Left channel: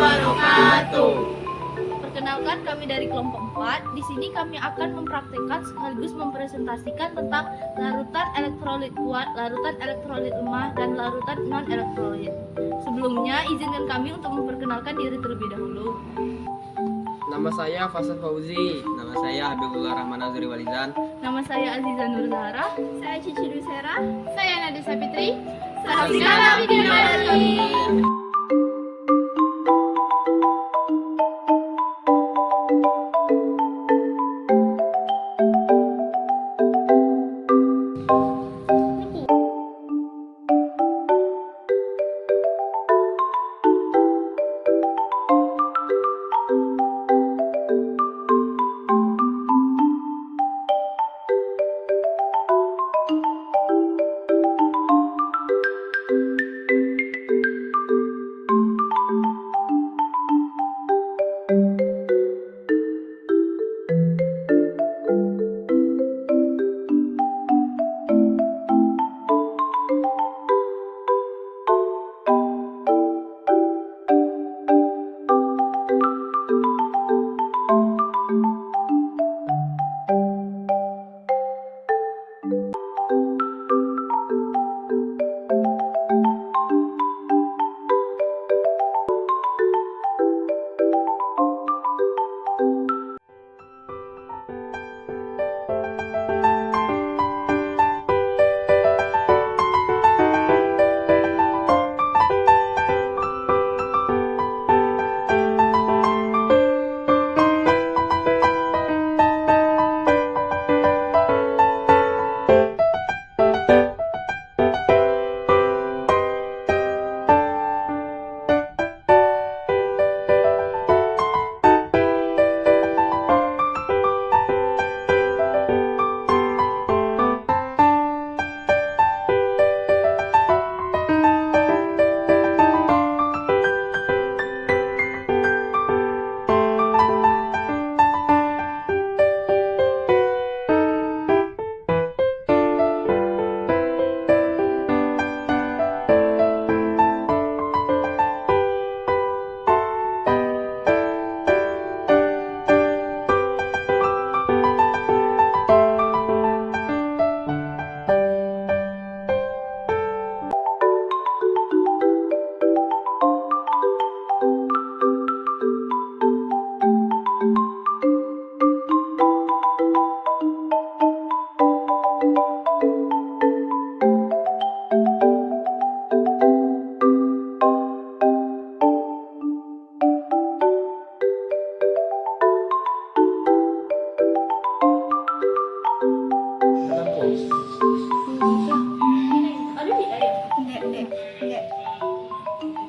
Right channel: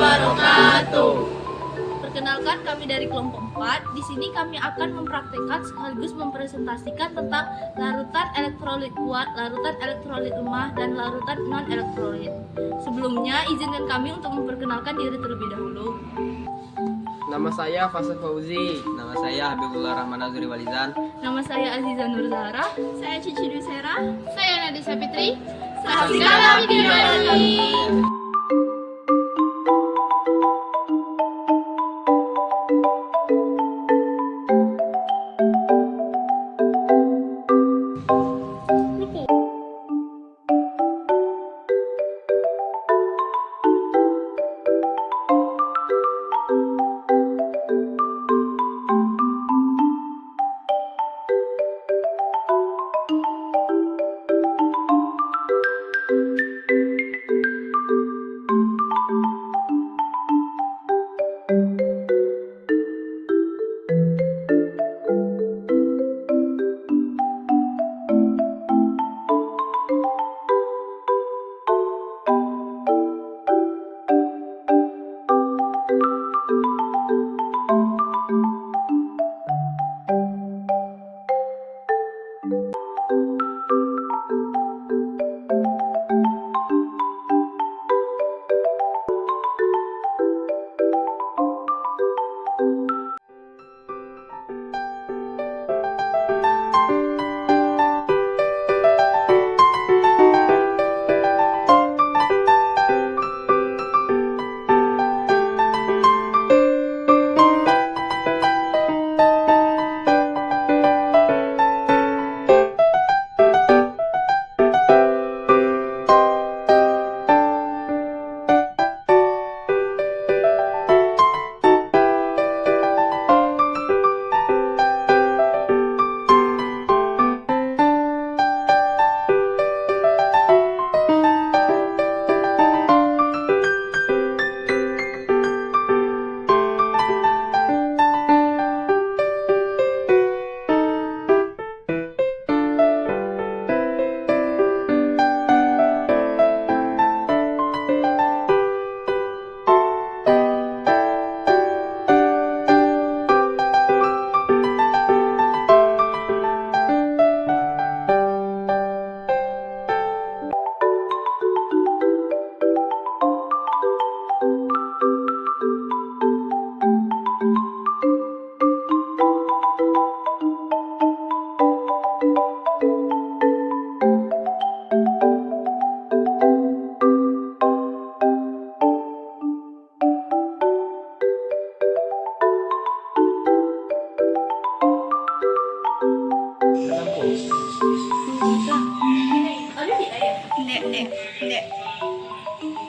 wabarakatuh. Perkenalkan, kami dari kelompok 4. Di sini kami akan mempraktikkan sekaligus mempresentasikan tentang larutan elektrolit kuat, larutan elektrolit lemah, dan larutan non-elektrolit. Sebelumnya, izinkan kami untuk memperkenalkan diri terlebih dahulu. Nama saya Fasal Fauzi. Nama saya Habibullah Rahman Azri Walizan. Nama saya Aziza Nur Zahra. Saya Cici Dusera. Saya Nadisa Fitri. Saksikan video kami.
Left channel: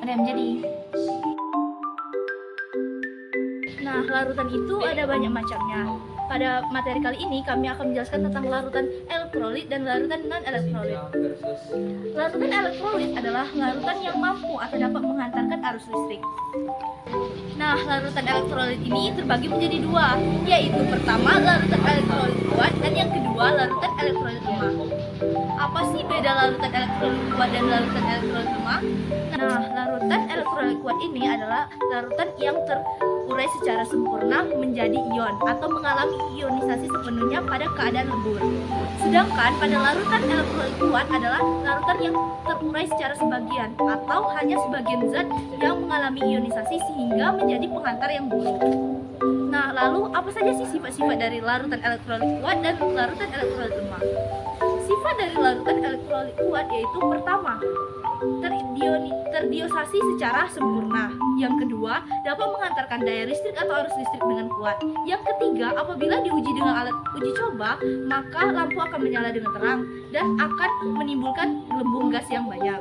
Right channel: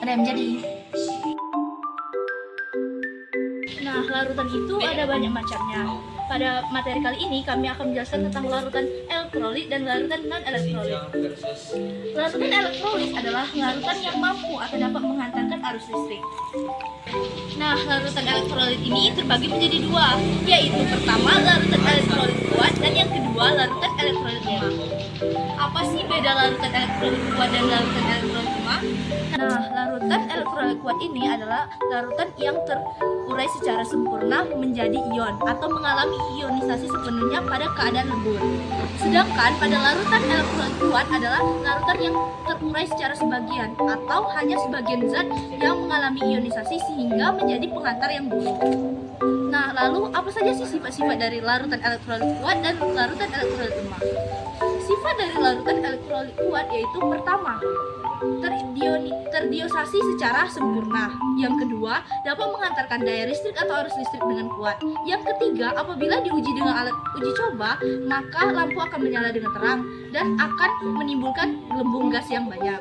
Ada yang jadi. Nah, larutan itu ada banyak macamnya. Pada materi kali ini kami akan menjelaskan tentang larutan elektrolit dan larutan non-elektrolit. Larutan elektrolit adalah larutan yang mampu atau dapat menghantarkan arus listrik. Nah, larutan elektrolit ini terbagi menjadi dua, yaitu pertama larutan elektrolit kuat dan yang kedua larutan elektrolit lemah. Apa sih beda larutan elektrolit kuat dan larutan elektrolit lemah? Nah, larutan elektrolit kuat ini adalah larutan yang terurai secara sempurna menjadi ion atau mengalami ionisasi sepenuhnya pada keadaan lebur. Sedangkan pada larutan elektrolit kuat adalah larutan yang terurai secara sebagian atau hanya sebagian zat yang mengalami ionisasi sehingga menjadi penghantar yang buruk. Nah, lalu apa saja sih sifat-sifat dari larutan elektrolit kuat dan larutan elektrolit lemah? Sifat dari larutan elektrolit kuat yaitu pertama, terdiosasi secara sempurna. Yang kedua, dapat mengantarkan daya listrik atau arus listrik dengan kuat. Yang ketiga, apabila diuji dengan alat uji coba, maka lampu akan menyala dengan terang dan akan menimbulkan gelembung gas yang banyak.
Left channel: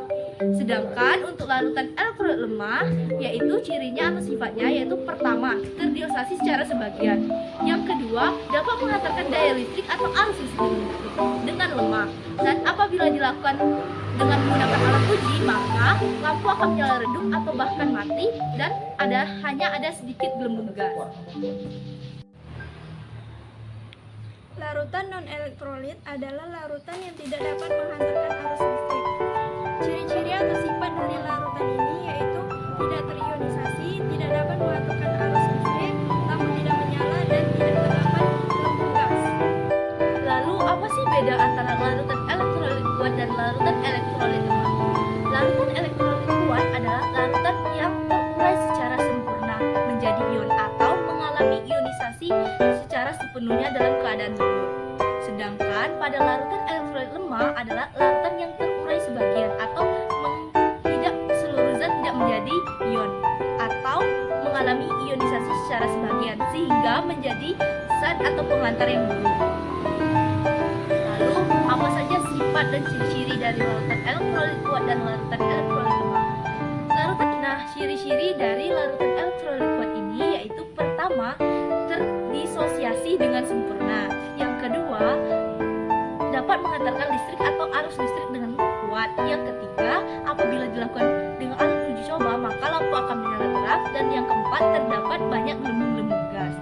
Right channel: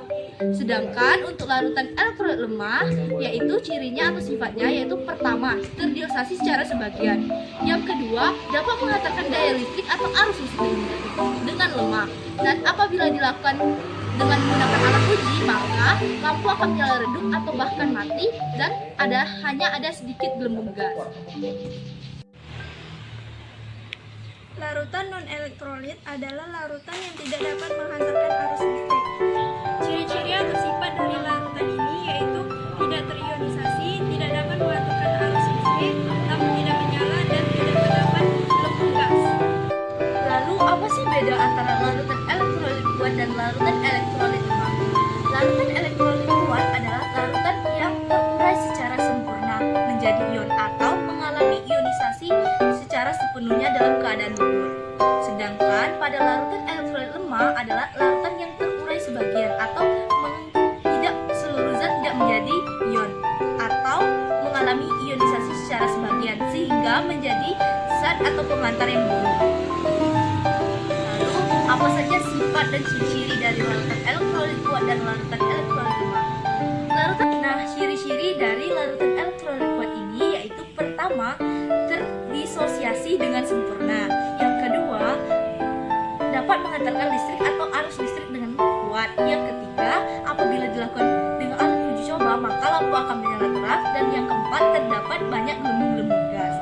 Sedangkan untuk larutan elektrolit lemah, yaitu cirinya atau sifatnya yaitu pertama, terdiosasi secara sebagian. Yang kedua, dapat menghantarkan daya listrik atau arus listrik dengan lemah. Dan apabila dilakukan dengan menggunakan alat uji, maka lampu akan menyala redup atau bahkan mati dan hanya ada sedikit gelembung gas. Larutan non-elektrolit adalah larutan yang tidak dapat menghantarkan arus listrik. Ciri-ciri atau sifat dari larutan ini yaitu tidak terionisasi, tidak dapat mengaturkan arus listrik, lampu tidak menyala, dan tidak terdapat gelembung gas. Lalu apa sih beda antara larutan elektrolit kuat dan larutan elektrolit lemah? Larutan elektrolit kuat adalah larutan yang terurai secara sempurna menjadi ion atau mengalami ionisasi secara sepenuhnya dalam keadaan gugur. Sedangkan pada larutan elektrolit lemah adalah larutan yang terurai sebagian atau tidak seluruh zat tidak menjadi ion atau mengalami ionisasi secara sebagian sehingga menjadi zat atau pengantar yang buruk. Lalu, apa saja sifat dan ciri-ciri dari larutan elektrolit kuat dan larutan elektrolit lemah? Ciri-ciri dari larutan elektrolit kuat ini yaitu pertama, terdisosiasi dengan sempurna. Yang kedua, dapat mengantarkan listrik atau arus listrik dengan kuat. Yang ketiga, apabila dilakukan dengan alat uji coba, maka lampu akan menyala terang. Dan yang keempat, terdapat banyak gelembung-gelembung gas.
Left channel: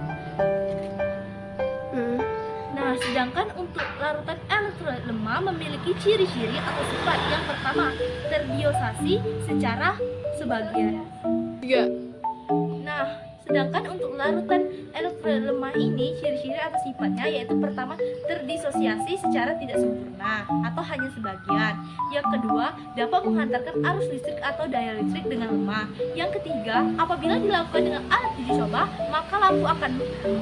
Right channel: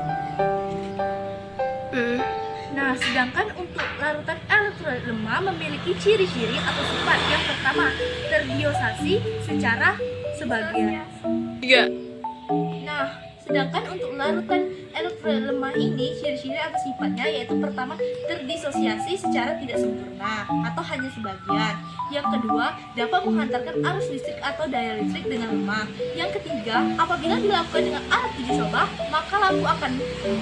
Nah, sedangkan untuk larutan elektrolit lemah memiliki ciri-ciri atau sifat. Yang pertama, terdiosasi secara sebagian. Nah, sedangkan untuk larutan elektrolit lemah ini ciri-ciri atau sifatnya yaitu pertama, terdisosiasi secara tidak sempurna atau hanya sebagian. Yang kedua, dapat menghantarkan arus listrik atau daya listrik dengan lemah. Yang ketiga, apabila dilakukan dengan alat uji coba, maka lampu akan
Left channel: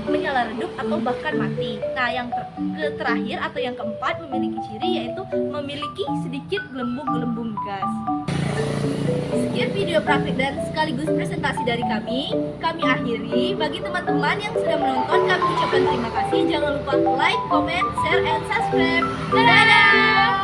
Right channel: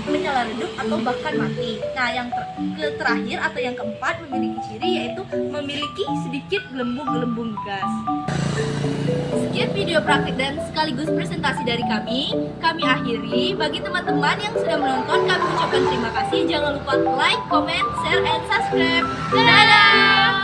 menyala redup atau bahkan mati. Nah, yang terakhir atau yang keempat memiliki ciri yaitu memiliki sedikit gelembung-gelembung gas. Sekian video praktik dan sekaligus presentasi dari kami akhiri. Bagi teman-teman yang sudah menonton, kami ucapkan terima kasih. Jangan lupa like, comment, share, and subscribe. Dadah!